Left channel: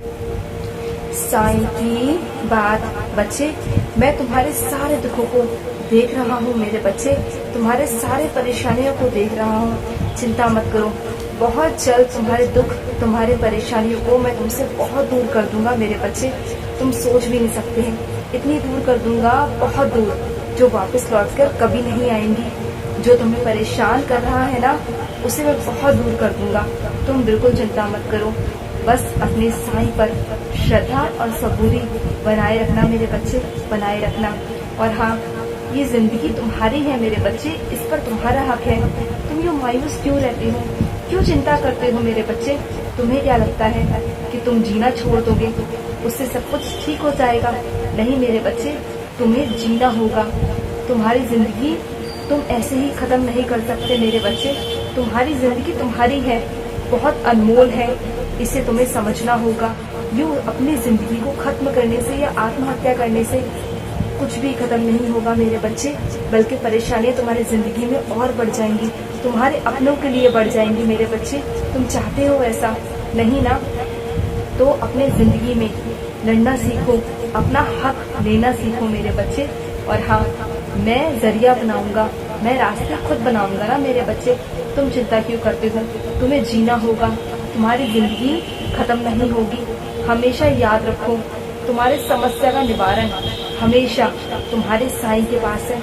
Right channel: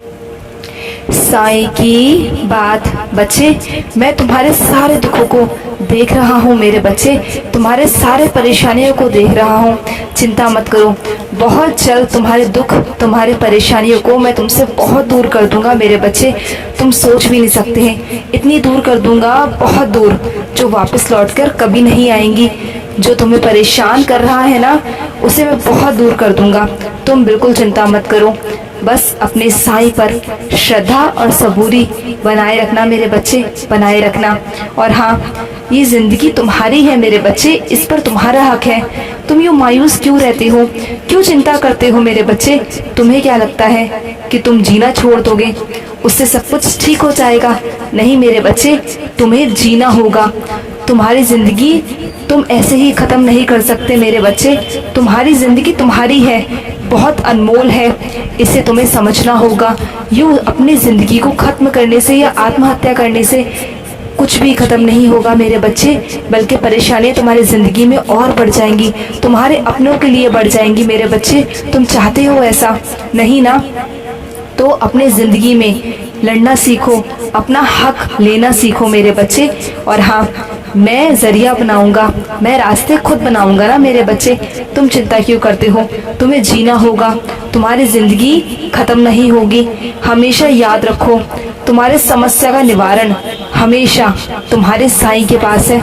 साईं की बात। बच्चे, मैं तुम्हारे सारे दुखों को देख रहा हूँ मेरे बच्चे, तुम्हारे सारे परेशानियों को देख रहा हूँ। चिंता मत करो, बहुत जल्द तुम्हारे दुख, तुम्हारी परेशानियों को मैं तुमसे बहुत दूर कर दूंगा मेरे बच्चे। तुम सोच भी नहीं सकते हैं, इतनी दूर कर दूंगा, बहुत दूर, जो वापस लौटकर कभी नहीं आएंगी। जो तुम्हें परेशान कर रहा है ना, उसे मैं बहुत दूर कर दूंगा। तुम बिल्कुल चिंता मत करो, बस अपने साईं पर श्रद्धा और सबूरी बनाए रखना मेरे बच्चे, बनाए रखना। और हाँ, ये ज़िंदगी तुम्हारी है मेरे बच्चे, इस पर तुम्हारा हक है। तुम यूँ मायूस क्यों रहते हो, क्यों चिंता करते हो मेरे बच्चे? तुम्हें क्या लगता है कि तुम जीना छोड़ दोगे, उससे सब कुछ ठीक हो जाएगा? नहीं मेरे बच्चे, तुम्हें जीना होगा। तुम्हारी ज़िंदगी तुम ऐसे ही ख़त्म नहीं कर सकते मेरे बच्चे। तुम्हारी ज़िंदगी तुम्हारी है, बहुत अनमोल है, इसे तुम्हें समझना होगा। यूँ अपनी ज़िंदगी को ख़त्म करने से या आत्महत्या करने से कुछ भी ख़त्म नहीं होगा मेरे बच्चे, बल्कि परेशानियाँ तुम्हारी ज़िंदगी में और बढ़ जाएंगी, तुम्हारे अपनों के लिए बढ़ जाएंगी मेरे बच्चे। तुम चाहते हो ऐसा? नहीं ना? तो अपने ज़िंदगी में लड़ना सीखो, अपना हक लेना सीखो मेरे बच्चे। और हाँ, मैं ज़रिया बनाऊंगा, मैं रास्ते खुद बनाऊंगा ना मेरे बच्चे। तुम चिंता क्यों करते हो? तुम्हें जीना होगा, तुम्हारी ज़िंदगी ख़त्म नहीं होगी। हमेशा याद रखो, तुम्हारे समस्या का निवारण हमेशा तुम्हारे साईं के पास है।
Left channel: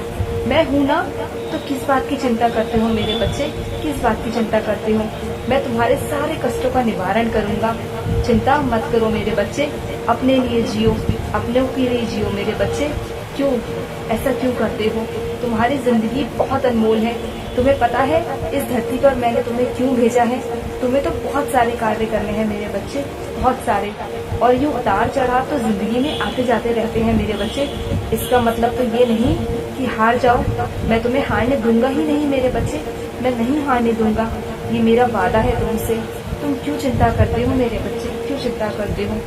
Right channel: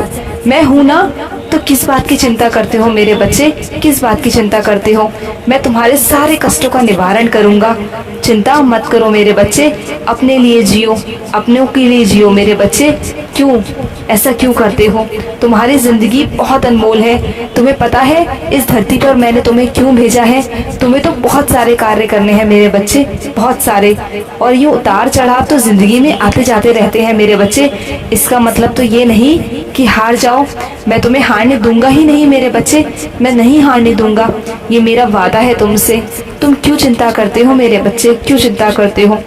मैं हूँ ना, तो किस बात की चिंता करते हो मेरे बच्चे? किस बात की चिंता करते हो? मैं तुम्हारे सारे कष्टों का निवारण करूँगा। चिंता मत करो मेरे बच्चे, अपने लिए जियो, अपनों के लिए जियो मेरे बच्चे। क्यों ऐसा क्यों करते हो? तुम्हारी ज़िंदगी बहुत अनमोल है। तुम्हें पता है इस धरती पर मैंने तुम्हें क्यों भेजा है? तुम्हें तो बहुत सारे कार्य करने हैं मेरे बच्चे, बहुत सारे। और ये उतार चढ़ाव तो ज़िंदगी में आते जाते रहते हैं मेरे बच्चे। इसका मतलब तो ये नहीं कि हार जाओ। मैं तुम्हें हारने दूंगा ही नहीं मेरे बच्चे, मैं नहीं हारने दूंगा, ये मेरा वादा है तुमसे। तुम क्यों चिंता करते हो मेरे बच्चे, क्यों चिंता करते हो?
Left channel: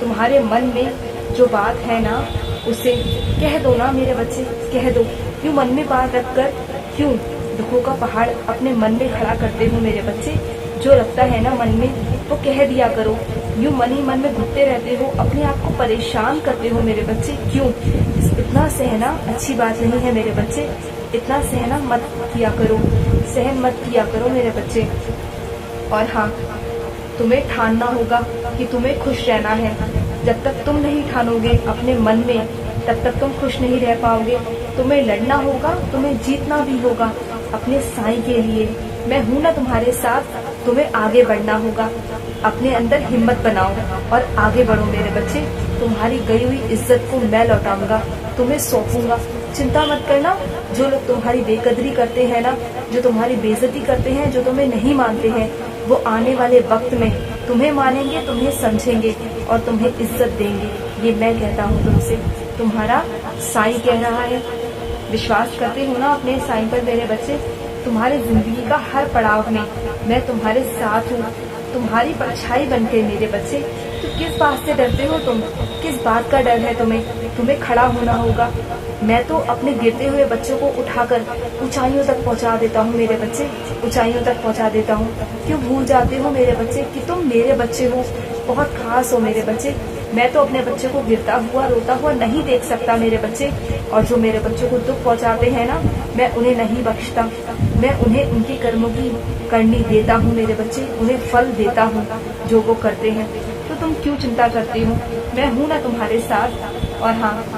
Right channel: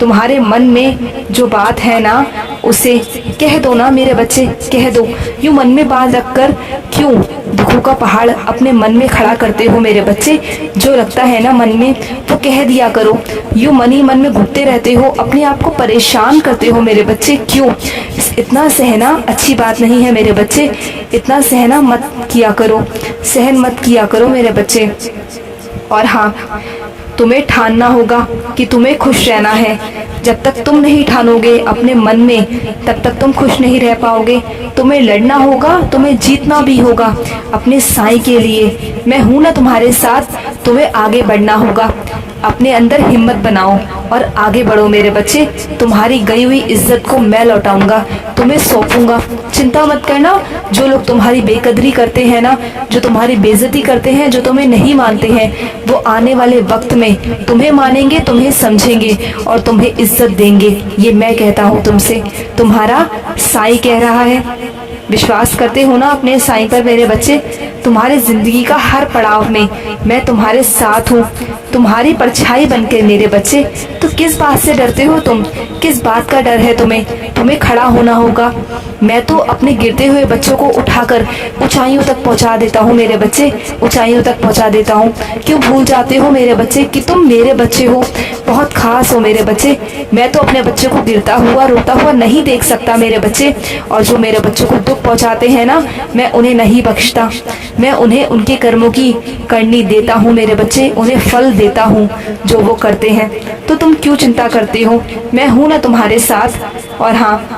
तुम्हारे मन में जो बात है ना, उसे कह दो ना मेरे बच्चे, कह दो। यूँ मन में बात रखकर क्यों दुखों का पहाड़ अपने मन में खड़ा करते हो मेरे बच्चे? जो लगता है ना मन में, वो कह दिया करो। यूँ मन ही मन में घुटते रहते हो, अपने आप को परेशान करते हो मेरे बच्चे, क्यों? इतना सहना अच्छी बात नहीं है मेरे बच्चे, इतना सहना मत किया करो, सहन मत किया करो मेरे बच्चे। और हाँ, तुम्हें ठानना होगा कि तुम्हें खुश रहना है। जब तक तुम नहीं ठानोगे अपने मन में, तब तक तुम खुश नहीं रह पाओगे। तुम्हें लड़ना होगा, तुम्हें जीतना भी होगा अपने साईं के लिए। मैं हूँ ना तुम्हारे साथ, तुम्हें आगे बढ़ना होगा। अपने अंदर हिम्मत बनाओ और आगे बढ़ो मेरे बच्चे। तुम्हारी गई हुई इज्जत को मैं लौटाऊंगा, तुम्हें सौंपूंगा। चिंता मत करना। जो लोग तुम्हारी बेकदरी करते हैं ना, जो तुम्हारी बेइज्जती करते हैं, जो तुम्हें नहीं मानते हैं, वो आने वाले वक्त में तुम्हें मानेंगे, तुम्हें समझेंगे और तुम्हें इज्जत देंगे। ये मैं कहता हूँ तुमसे, तुम्हारा साईं कह रहा है। विश्वास करते हो ना अपने साईं पर मेरे बच्चे? तुम्हारे ज़िंदगी का हर पड़ाव में मैं तुम्हारे साथ हूँ, तुम्हारी परछाई बनकर मेरे बच्चे। तो किस बात से डरते हो तुम? किस बात का डर है तुम्हें? तुम्हें खड़ा होना होगा। मैं तो अपने गिरते हुए बच्चों को उठाकर ऊंचाइयों तक पहुंचा देता हूँ मेरे बच्चे, ऊंचाइयों तक पहुंचा देता हूँ। क्यों भूल जाते हो मेरे बच्चे कि तुम मेरे बच्चे हो, बहुत खास हो मेरे बच्चे। मैं तो अपने बच्चे को गिरता हुआ रोता हुआ नहीं देख सकता मेरे बच्चे। और जो मेरे बच्चों को दुख पहुँचाते हैं ना, मैं उन्हें नहीं बख्शता। मैं उन्हें उनके कर्मों की करनी देता हूँ मेरे बच्चे, उन्हें फल देता हूँ जो वो करते हैं। तो तुम क्यों चिंता करते हो? मैं हूँ ना तुम्हारे साथ। और हाँ,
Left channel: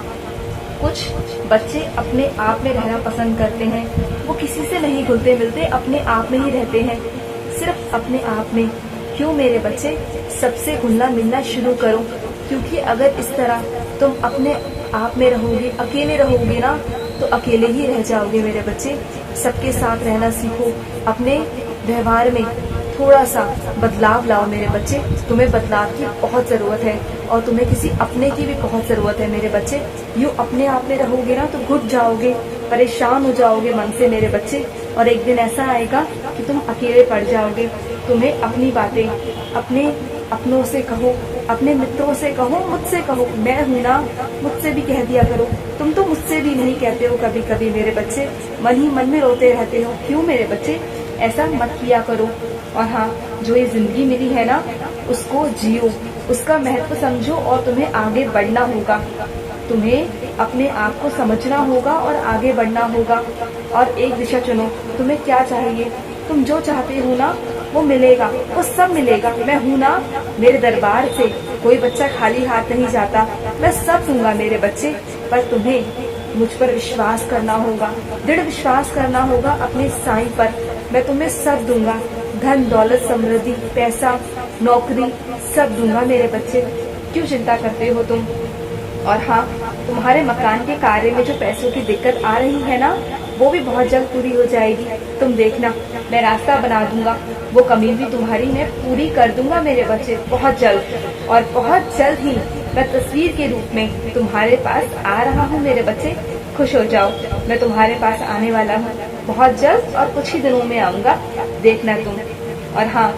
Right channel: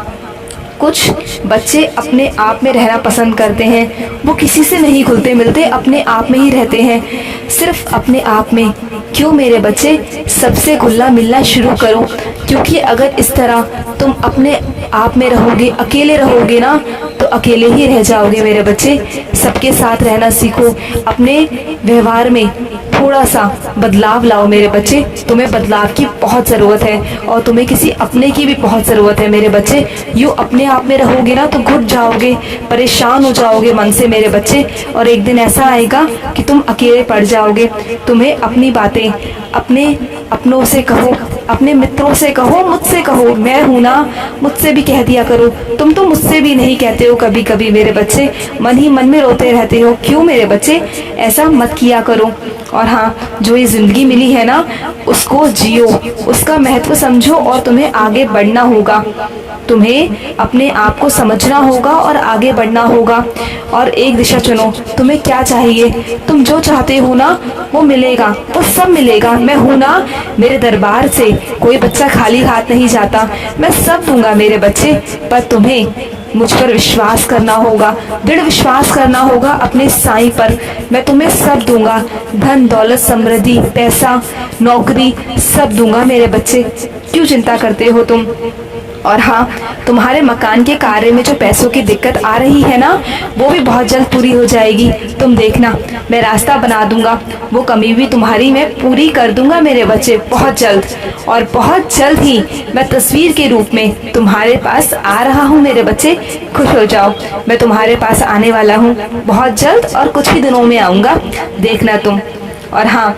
कुछ बच्चे अपने आप में रहना पसंद करते हैं, वो किसी से नहीं घुलते मिलते, अपने आप में ही रहते हैं, सिर्फ अपने आप में। क्यों मेरे बच्चे? सबसे घुलना मिलना शुरू करो, क्योंकि अगर इस तरह तुम अपने आप में रहोगे, अकेले रहोगे ना, तो अकेले ही रह जाओगे मेरे बच्चे। सबके साथ रहना सीखो, अपने व्यवहार में थोड़ा सा बदलाव लाओ मेरे बच्चे। तुम्हें बदलाव की बहुत ज़रूरत है और तुम्हें किसी अपने की भी बहुत ज़रूरत है मेरे बच्चे। यूँ अपने आप में रहोगे ना तो घुट जाओगे, परेशान हो जाओगे मन से मेरे बच्चे, और एक दिन ऐसा आएगा कि तुम अकेले पड़ जाओगे। तुम्हें अपनी बातें अपने अपनों से कहो, अपने मित्रों से कहो, मुझसे कहो, मैं हूँ ना, मुझसे भी कह दिया करो। तुम तो मुझसे भी नहीं कहते हो कभी कभी मेरे बच्चे, मन ही मन में रोते रहते हो। क्यों मेरे बच्चे, ऐसा मत किया करो। और हाँ, जो ये ज़िंदगी मिली है ना, उसको जियो, उसका महत्व समझो और तुम्हें आगे बढ़ना होगा। तुम्हें अपने आप को समझना होगा और आगे बढ़ना होगा। और एक दिशा चुनो, तुम्हें क्या चाहिए, तुम जो चाहते हो ना वो मिलेगा, वो सब मिलेगा। मैं हूँ ना, मेरे दरबार से कोई बच्चा खाली हाथ नहीं जाता। मैं सब दूंगा मेरे बच्चे, पर तुम्हें मुझ पर विश्वास करना होगा, दृढ़ विश्वास करना होगा अपने साईं पर। मैं तुम्हें सब दूंगा, धन दौलत समृद्धि पैसा नौकरी सब दूंगा मेरे बच्चे। क्यों चिंता करते हो तुम। और हाँ, तुम्हारे मकान के कार्य में जो पैसों की दिक्कत आ रही है ना, वो भी बहुत जल्द पूरी हो जाएगी। तुम देखना, मैं रास्ता बना दूंगा, वो कमी भी तुम्हारी मैं पूरी कर दूंगा मेरे बच्चे, बहुत जल्द। और बहुत जल्द ही मैं तस्वीर के रूप में तुम्हारे पास आ रहा हूँ मेरे बच्चे, खुश हो जाओ। मैं तुम्हारे पास आने वाला हूँ बहुत जल्द, और कुछ ही दिनों में आऊँगा, देखना तुम। और हाँ,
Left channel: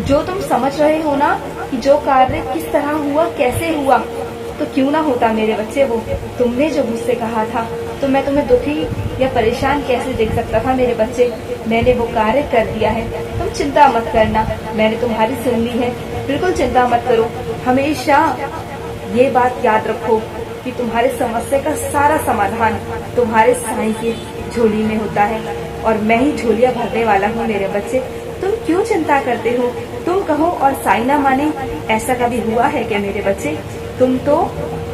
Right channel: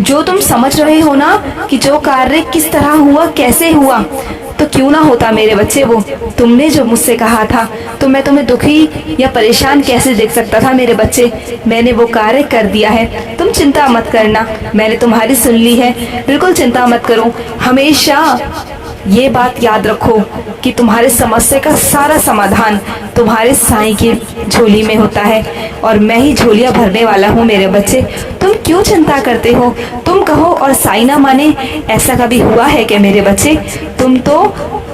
जो तुम समझ रहे हो ना कि जो कार्य किस तरह हुआ, कैसे हुआ, तो क्यों ना होता मेरे बच्चे वो तुमने जो मुझसे कहा था, तो मैं तुम्हें दुखी या परेशान कैसे देख सकता था मेरे बच्चे। मैंने वो कार्य कर दिया है, तुम चिंता मत करना, मैंने तुम्हारी सुन ली है, बिल्कुल चिंता मत करो। हमेशा ये बात याद रखो कि तुम्हारे समस्या का सारा समाधान तुम्हारे साईं की झोली में होता है, और मैं ही झोलियाँ भरने वाला हूँ मेरे बच्चे। तुम क्यों चिंता करते हो, तुम कहो और साईं ना माने, ऐसा कभी हुआ है क्या मेरे बच्चे। तुम तो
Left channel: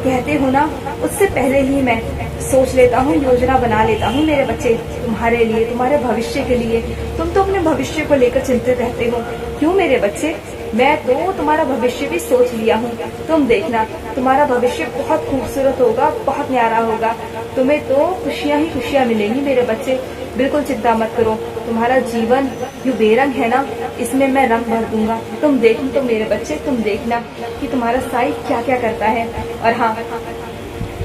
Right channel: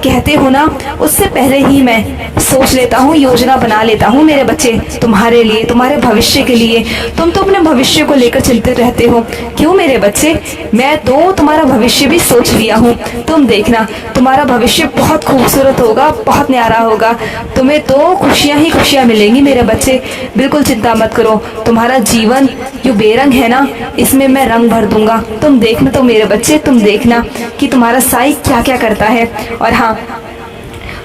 कहते हो ना, उससे पहले ही मैं सोच लेता हूँ, योजना बना लेता हूँ मेरे बच्चे, तुम्हारे लिए, तुम्हारे भविष्य के लिए। तुम तो अपने भविष्य को लेकर चिंतित रहते हो। क्यों मेरे बच्चे, मैं तो तुम्हारा भविष्य भी सोच लिया हूँ। तुम देखना, तुम्हारा भविष्य बहुत खूबसूरत होगा, बहुत न्यारा होगा। तुम्हें तो खुशियाँ ही खुशियाँ मिलेंगी मेरे बच्चे, बिल्कुल चिंता मत करो। तुम्हारा जीवन जो बेरंग है ना, इसमें मैं रंग भर दूंगा। तुम देखना तो मेरे बच्चे, तुम देखना कि तुम्हारा साईं क्या क्या करता है। और हाँ,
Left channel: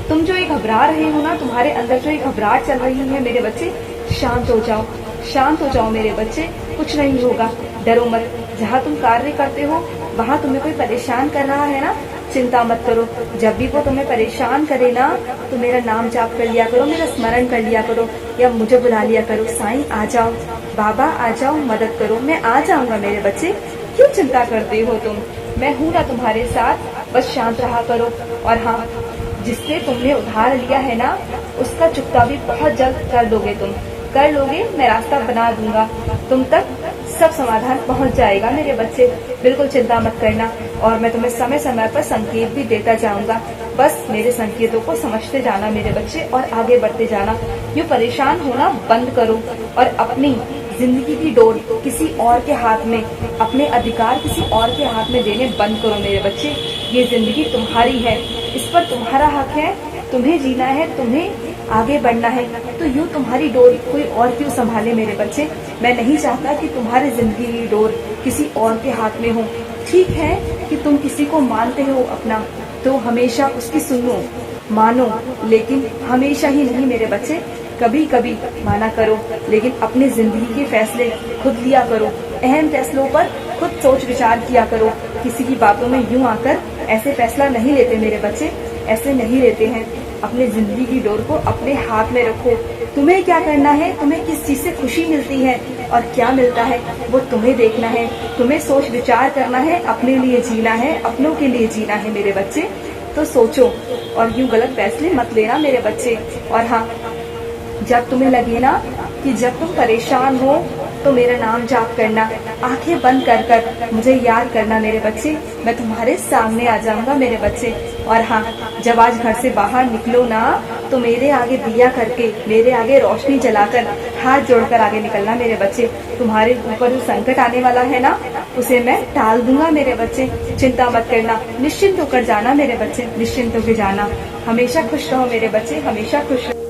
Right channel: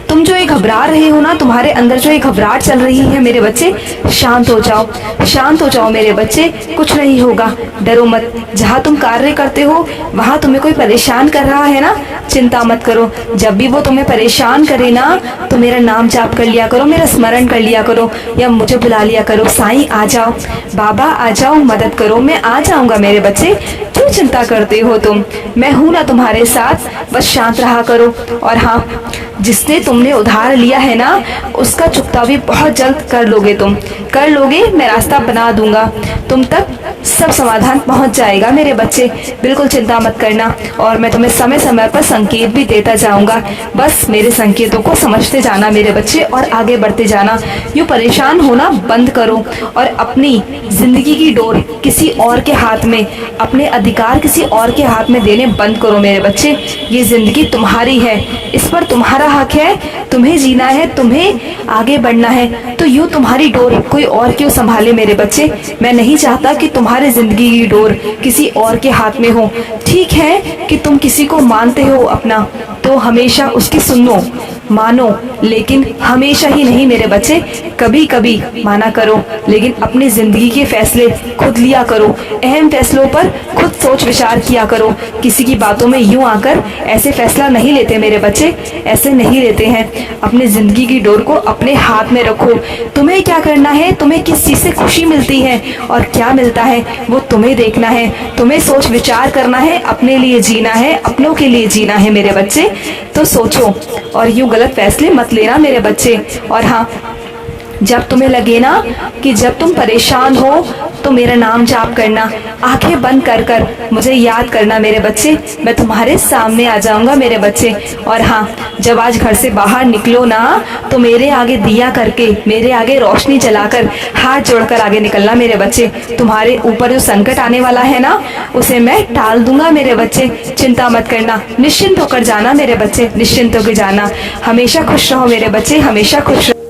तुम जो ये घबरा रहे हो ना, तुम्हारे अंदर जो ये घबराहट चल रही है मेरे बच्चे, शांत हो जाओ, शांत हो जाओ मेरे बच्चे, कुछ नहीं होगा, डरो मत। जहाँ तुम कार्य करते हो वहाँ तुम्हें कोई परेशान कर रहा है ना, चिंता मत करो। जब भी वो तुम्हें परेशान करे ना, तो मेरा नाम जाप कर लिया करो, मेरा स्मरण कर लिया करो, या मुझे बुला लिया करो, साईं आ जाओ, बाबा आ जाओ, मदद करो, मैं आ जाऊंगा मेरे बच्चे। क्यों चिंता करते हो तुम, मैं हूं ना तुम्हारे साथ, बस शांत रहा करो। और हाँ, जिसने तुमने उधार लिया है ना, उसका चुकता भी बहुत जल्द कर लोगे, तुम कर लोगे, मैं रास्ता बना दूंगा, तुम तक सब समाधान पहुंच जाएगा मेरे बच्चे, बिल्कुल चिंता मत करना। और मैं तुम्हें समय समय पर संकेत भी देता जाऊंगा, बस मेरे संकेतों को समझते जाना मेरे बच्चे, और आगे बढ़ते जाना। यूँ परेशान होना बंद करो, और अपनी जिंदगी की डोर किसी और के हाथ में, अपने अधिकार किसी और के हाथ में देने बंद करो मेरे बच्चे। ये जिंदगी तुम्हारी है, इस पर तुम्हारा हक है, तुम्हें जीना है, तुम्हें आगे बढ़ना है, तो यूँ तुम्हारी डोर कोई और क्यों संभाले मेरे बच्चे। मैं नहीं चाहता कि तुम्हारी जिंदगी की डोर किसी और के हाथ में हो। ठीक है कि तुम किसी को मानते हो अपना, तो हमेशा उसकी सुनो, मानो, लेकिन हमेशा ही नहीं मेरे बच्चे, कभी कभी माना करो, लेकिन अपनी जिंदगी के फैसले खुद लिया करो। अहम फैसलों पर खुद सोच विचार किया करो, किसी की बातों में यूं आकर ऐसे फैसला नहीं लेते मेरे बच्चे, ऐसे नहीं लेते हैं। अपनी जिंदगी की डोर को अपने हाथ में रखो। तुम्हें क्या करना है, तुम्हें किस चीज़ से खुशी मिलती है और क्या मिलता है, वो तुम्हें देखना है, तुम्हें सोच विचार करना है, अपने लिए जीना है, अपनों के लिए जीना है मेरे बच्चे। तो सोचो और यूं गलत फैसले मत लेना मेरे बच्चे। और हाँ, जब तुम्हें लगे ना कि जब तुम परेशान हो तो मेरा नाम जाप करना, आंखें बंद कर कर मुझे याद करना मेरे बच्चे, मैं तुम्हारे सामने आ जाऊंगा मेरे बच्चे। और हाँ, जब आज घर से बाहर निकलो ना, तो मेरे आगे दिया करके, मेरे आगे रोशनी जलाकर, हाथ जोड़कर आगे निकलना मेरे बच्चे। तुम्हारे ऊपर जो संकट आने वाला है ना, उसे मैं टाल दूंगा मेरे बच्चे, चिंता मत करना, निश्चिंत होकर जाना मेरे बच्चे, निश्चिंत होकर जाना। हमेशा खुश रहो मेरे बच्चे, हमेशा खुश रहो।